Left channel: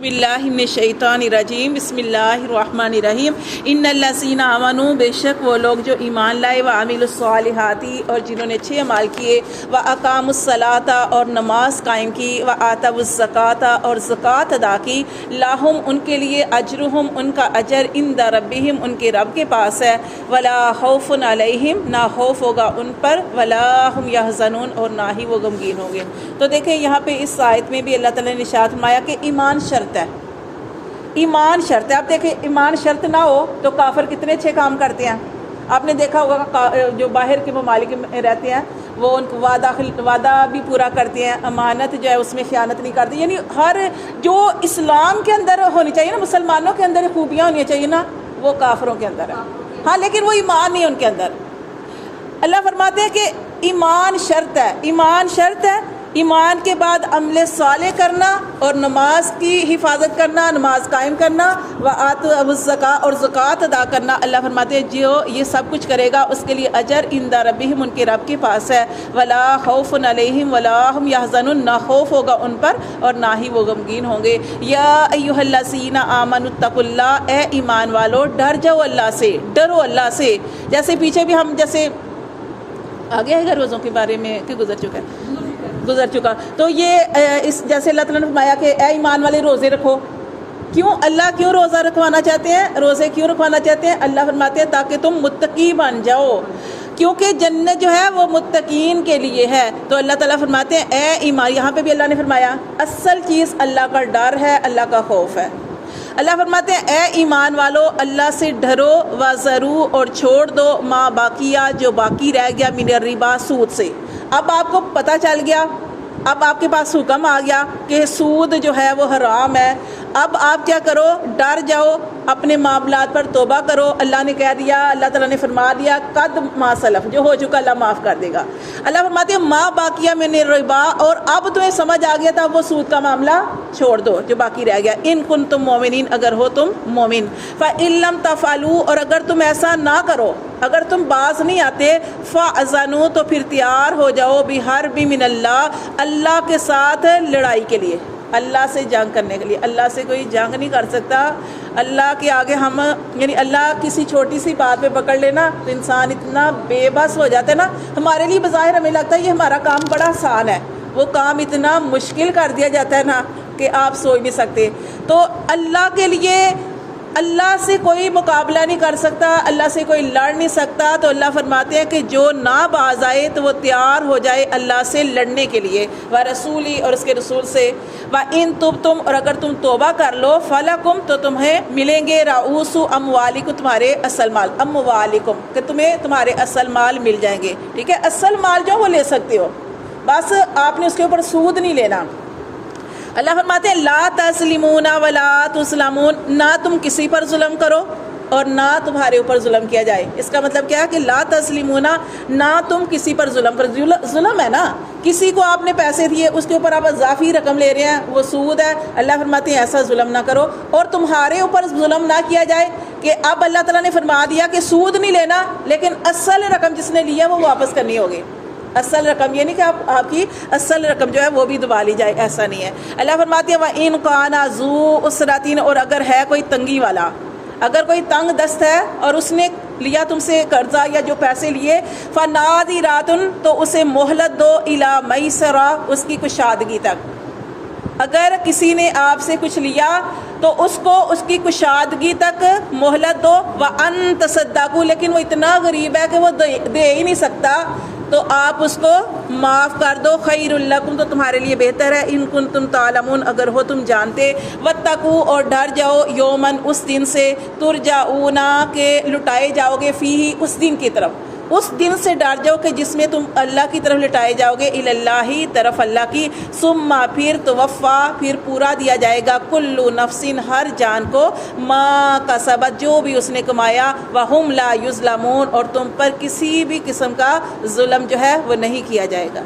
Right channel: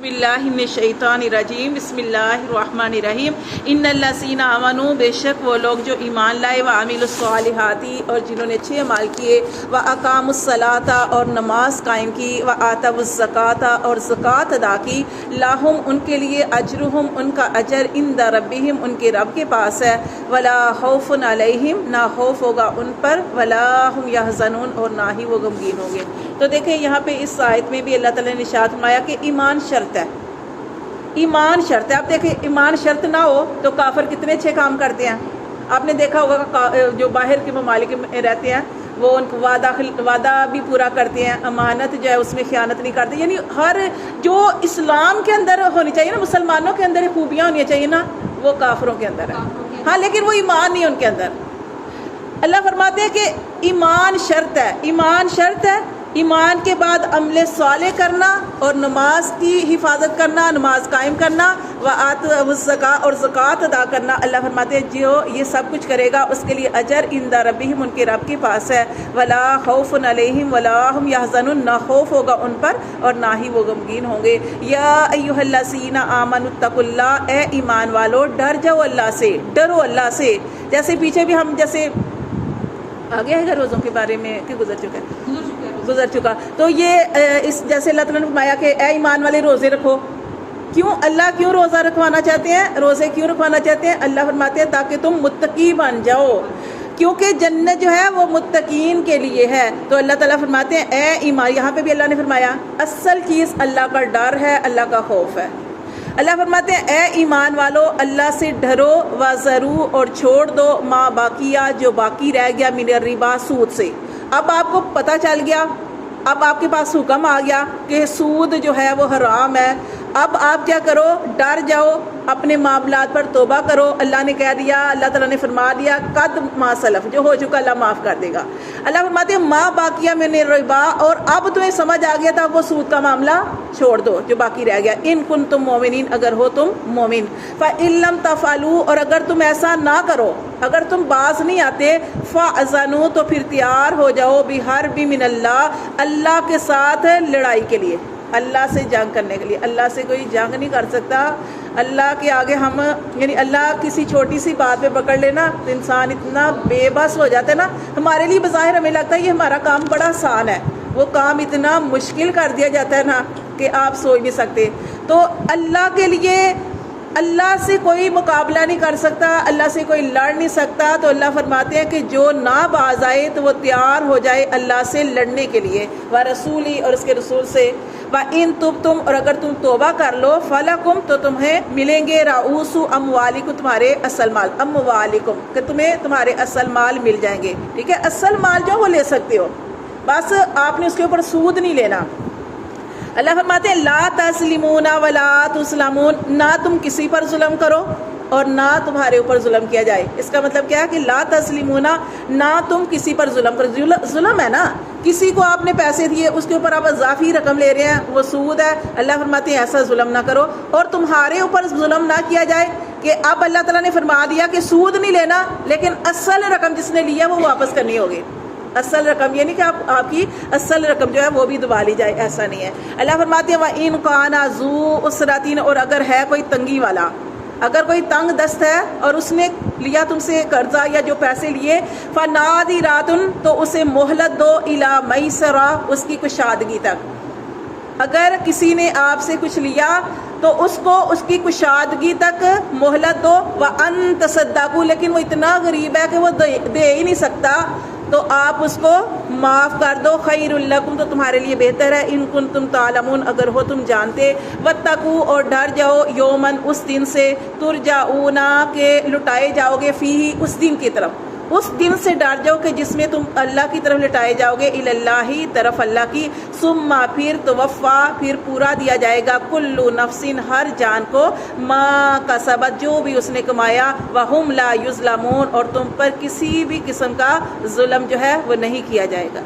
باللہ من الشیطان الرجیم بسم اللہ الرحمن الرحیم ان الذین آمنوا بے شک وہ لوگ جو ایمان لائے وعملوا الصالحات اور جنہوں نے اچھے اعمال کیے واقاموا الصلاۃ اور نماز قائم کی وآتوا الزکوٰۃ اور زکوٰۃ ادا کی لہم ان کے لیے اجرہم ان کا اجر عند ربہم ان کے رب کے پاس ہے ولا خوف علیہم نہ خوف ہوگا ان پر ولا هم یحزنون اور نہ ہی وہ غمگین ہوں گے۔ تو دیکھیں یہاں پہ اس آیت میں بھی اللہ تعالیٰ نے ارشاد فرمایا کہ ایمان شرط ہے، ایمان شرط ہے۔ آپ دیکھیں ایمان شرط نہ ہو تو کافر کتنے اچھے کام کرتے ہیں۔ آپ نے دیکھا ہوگا جو باہر کے ممالک میں رہتے ہیں وہ ان کو وعدہ بھی پورا کرتے ہیں، امانت جو ہے اس میں خیانت نہیں کرتے، یعنی ہر جو اسلام کے اندر ہونی چاہیے نا، مسلمانوں کے اندر خوبیاں ہونی چاہیے نا، وہ کافروں کے اندر ہے۔ ہاں لیکن وہ ایمان نہیں ان کے اندر۔ اللہ فرماتے ہیں کہ ایمان شرط ہے، ایمان شرط ہے، ایمان کے بعد عمل صالح کرنا اور نماز کی حفاظت کرنا، نماز قائم کرنا، وآتوا الزکوٰۃ اور زکوٰۃ ادا کرنا۔ اللہ فرماتے ہیں جو یہ سب کچھ کرے گا اس کے لیے اجر عند ربہم ان کے رب کے پاس ہے ولا خوف علیہم ولا هم یحزنون نہ خوف ہوگا ان پر اور نہ ہی وہ غمگین ہوں گے۔ یا ایھا الذین آمنوا اتقوا اللہ، اے ایمان والو ڈر جاؤ اللہ سے، ڈرو اللہ سے۔ جیسے پیچھے بھی ہم جیسے آگے ہے روزوں کے بارے میں کہ گزر چکا تو یہ اس جیسے اللہ تعالیٰ نے فرمایا کہ اے ایمان والے روزے رکھو۔ کیوں اللہ کیوں روزہ رکھوانا چاہتے ہیں، روزے کیوں رکھوانا چاہتے ہیں؟ اللہ فرماتے ہیں تاکہ تم متقی بن جاؤ، کیونکہ جنت جو ہے وہ متقین کے لیے ہے۔ تو اللہ تعالیٰ فرماتے ہیں اے ایمان، یہاں پہ بھی اللہ نے فرمایا اصل چیز اللہ کا ڈر ہے، اللہ کا خوف ہے۔ اللہ فرماتے ہیں اے ایمان والو اللہ سے ڈرو وذرو اور چھوڑ دو ما باقیہ جو باقی رہ گیا من الربا سود سے۔ اب آپ کو پتہ چل گیا، اب آپ کے پاس حکم آ گیا کہ سود جو ہے وہ حرام ہے۔ اب آپ کیا کرو، ڈر جاؤ، اپنے معاملات پر توبہ کرو۔ اللہ نے کہہ دیا، اللہ تعالیٰ نے فرما دیا قد ما سلف، جو ہو چکا اللہ معاف کر دے گا۔ اللہ فرماتے ہیں ما باقیہ من الربا، اور اب تمہیں سمجھ آ گیا تھا وہ سود کا معاملہ چھوڑ دو جو باقی رہ گیا۔ ان کنتم مومنین، اگر ہو تم مومن۔ فإن لم تفعلوا، اور اگر تم ایسا نہ کرو، اگر تم باز نہیں آتے، فأذنوا تو پھر تیار ہو جاؤ بحرب من اللہ، اللہ کے ساتھ لڑائی کے لیے، اللہ سے جنگ کرنے کے لیے۔ اللہ سے کوئی جنگ نہیں کر سکتا، اللہ کے آگے ہم یعنی اللہ کسی چھوٹی سی بات پہ پکڑ لینا تو انسان اتنا بے بس ہو جاتا ہے نا۔ ہمارے لیے بظاہر ہمیں لگتا ہے یہ ہمارا کام بڑا آسان ہے، وہ کام اتنا مشکل کر دیا جاتا ہے نا کہ آپ سوچ نہیں سکتے۔ تو اللہ کے لیے اللہ سے کوئی مقابلہ نہیں کر سکتا، اللہ سے کوئی لڑ نہیں سکتا۔ تو اللہ فرماتے ہیں کہ جو نہ باز آئے تو وہ تیار ہو جائے اللہ سے لڑنے کے لیے، ورسولی اور اس کے رسول سے۔ وَإِن تُبْتُمْ، اور اگر تم توبہ کر لو، فَلَكُمْ تو تمہیں ملیں گے رؤوس اموالکم، تمہارے اصل مال، اموالکم کہ تمہیں تمہارے اصل مال مل جائیں گے۔ ٹھیک ہے، اصل مال جو وہ لے سکتے ہو، بس آپ نے اس کے اوپر سود نہیں لینا۔ اللہ فرماتے ہیں لا تظلمون ولا تظلمون، نہ تم کسی پر ظلم کرو اور نہ تمہارے اوپر ظلم کیا جائے۔ اس کا مطلب کیا ہے کہ لا تظلمون، نہ تم کسی پر ظلم کرو۔ ظلم ہے نا، کسی کو آپ نے پیسے دیے اس کے اوپر آپ اضافی رقم لے رہے ہیں، وہ سود ہے۔ اللہ فرماتے ہیں ایسا ظلم نہ کرو، اور تمہارے اوپر ظلم نہ کیا جائے کہ اب اللہ تعالیٰ نے فرما دیا کہ سود نہیں لینا، لیکن اصل رقم جس نے لیا وہ واپس کرنی ہوگی۔ اصل رقم یہ نہیں کہ آپ کی اصل رقم جو ہے وہ بھی دبا لی جائے، ایسا نہیں ہے۔ اللہ فرماتے ہیں وَإِن كَانَ ذُو عُسْرَةٍ، اور اگر ہے کوئی تنگی والا، اگر کوئی تنگ دست ہے اور اس نے لیا تم سے قرضہ یا جو پیسے لیے، فَنَاظِرَةٌ تو اسے مہلت دو إِلَى مَيْسَرَةٍ، اس کی کشادگی تک۔ اگر کسی نے آپ سے کچھ لیا تو اس کو اس کی کشادگی تک مہلت دو۔ وَأَن تَصَدَّقُوا، لیکن وہ اتنا غریب ہے کہ وہ دے ہی نہیں سکتا تو آپ اس کو معاف کر دو۔ خیر لکم، تو تمہارے لیے بہتر ہے، ان کنتم تعلمون اگر ہو تم جانتے۔ واتقوا، اور ڈر جاؤ، یومن اس دن سے، ترجعون کہ لٹائے جاؤ گے، فیہ اس دن کی طرف، اس دن سے ڈر جاؤ کہ جس میں تم اللہ کی طرف لٹائے جاؤ گے، الی اللہ طرف اللہ کی، ثم پھر توفا پھر پورا دیا جائے گا، کل نفس ہر جان کو، ما کسبت جو بھی اس نے کمایا، وہم لا یظلمون اور تم پر کسی بھی قسم کا ظلم جو ہے وہ نہیں کیا جائے گا۔